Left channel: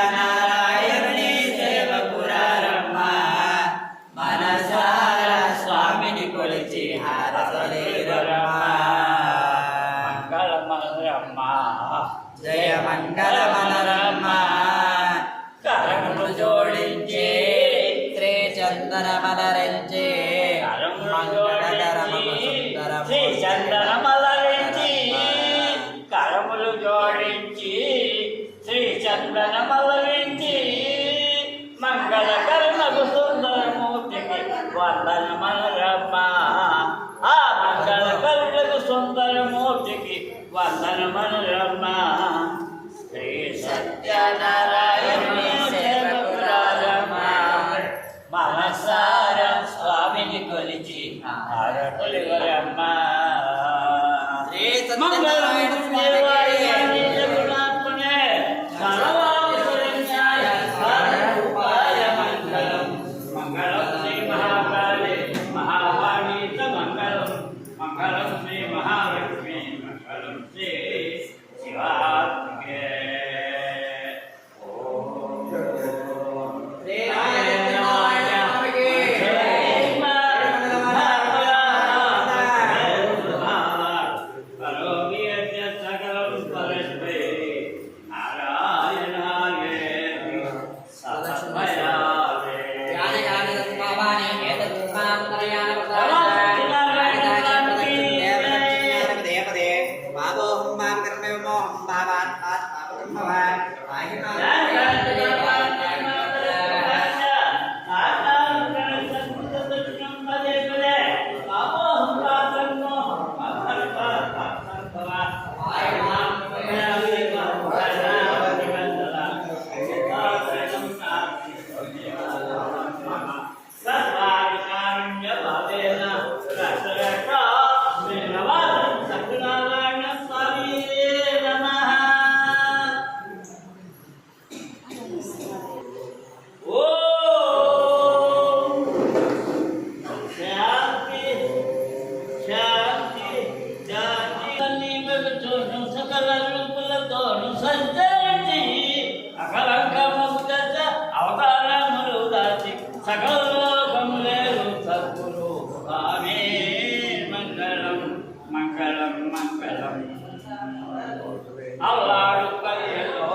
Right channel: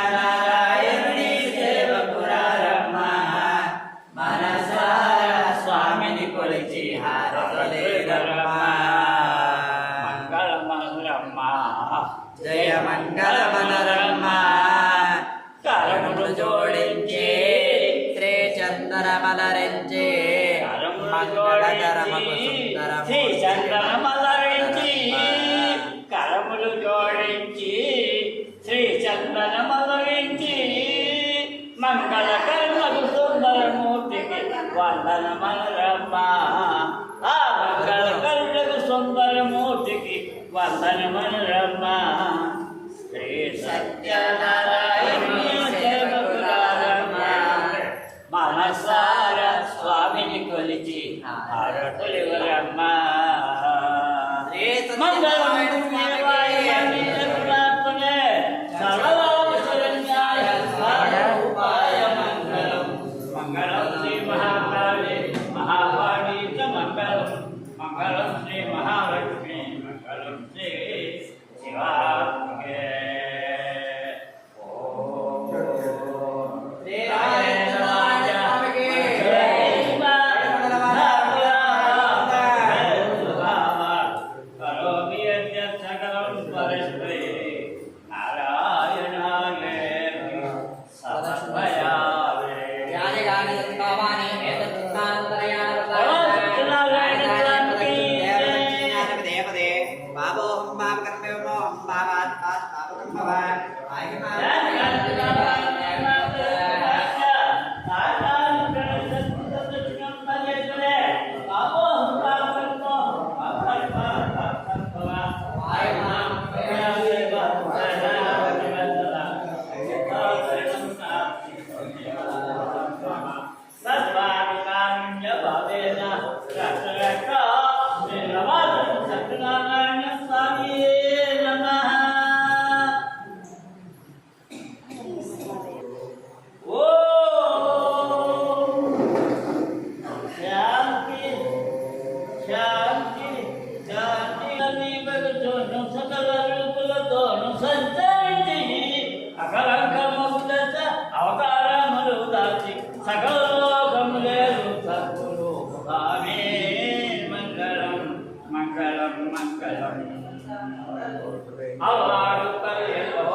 సత్యనారాయణుని సేవకురారమ్మ మనసార స్వామిని కొలిచి హారతలేరమ్మ. మంగళమనరమ్మ జయ మంగళమనరమ్మ. కరములు జోడించి శ్రీ చందనమలరించి మంగళకరమకు సుందరము చందనమలరించి కరములు జోడించి శ్రీ చందనమలరించి మంగళకరమకు సుందరమూర్తికి వందనమనరమ్మ. ఆ మంగళకరుణకు సుందరమూర్తికి వందనమనరమ్మ. శ్రీ సత్యనారాయణుని సేవకురారమ్మ మనసార స్వామిని కొలిచి హారతులివరమ్మ. శ్రీ సత్యనారాయణ స్వామికి మంగళం శ్రీ మహాకాళి మహావాణి మంగళం. మంగళం శ్రీ మహాలక్ష్మి మంగళం శ్రీ శివాత్మకే. సకల రూపులతోను సంచరించి అకలంకముల అవతారములు దాచి సకల లోకములేరు సద్గురు స్వామి. మంగళం మంగళం మంగళం. అల్లాడు పర్యలో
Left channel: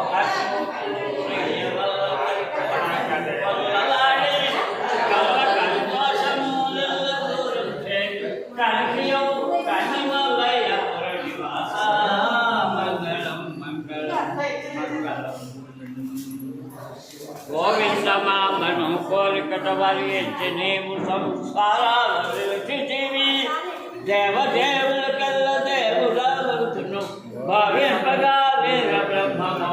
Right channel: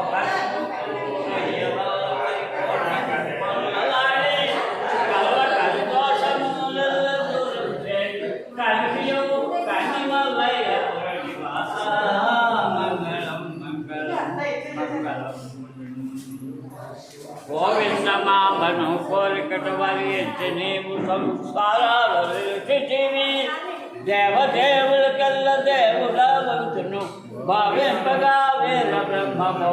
గోవిందమామను కోరికట వారి ఎత్తి నీవు సంస్కారాల విరచితివి. దేవదేవుల కల్ల దేవుడాలను భావింపగా వీర బ్రహ్మమో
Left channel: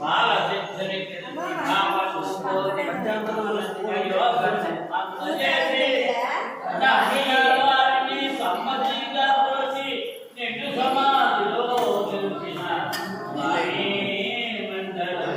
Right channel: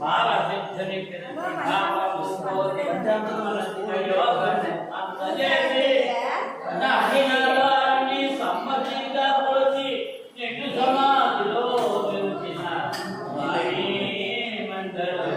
బాలసిద్ధునికి సమ్మతిగా పోసి నిన్ను సమాధిలో నిలిచిన మంగళం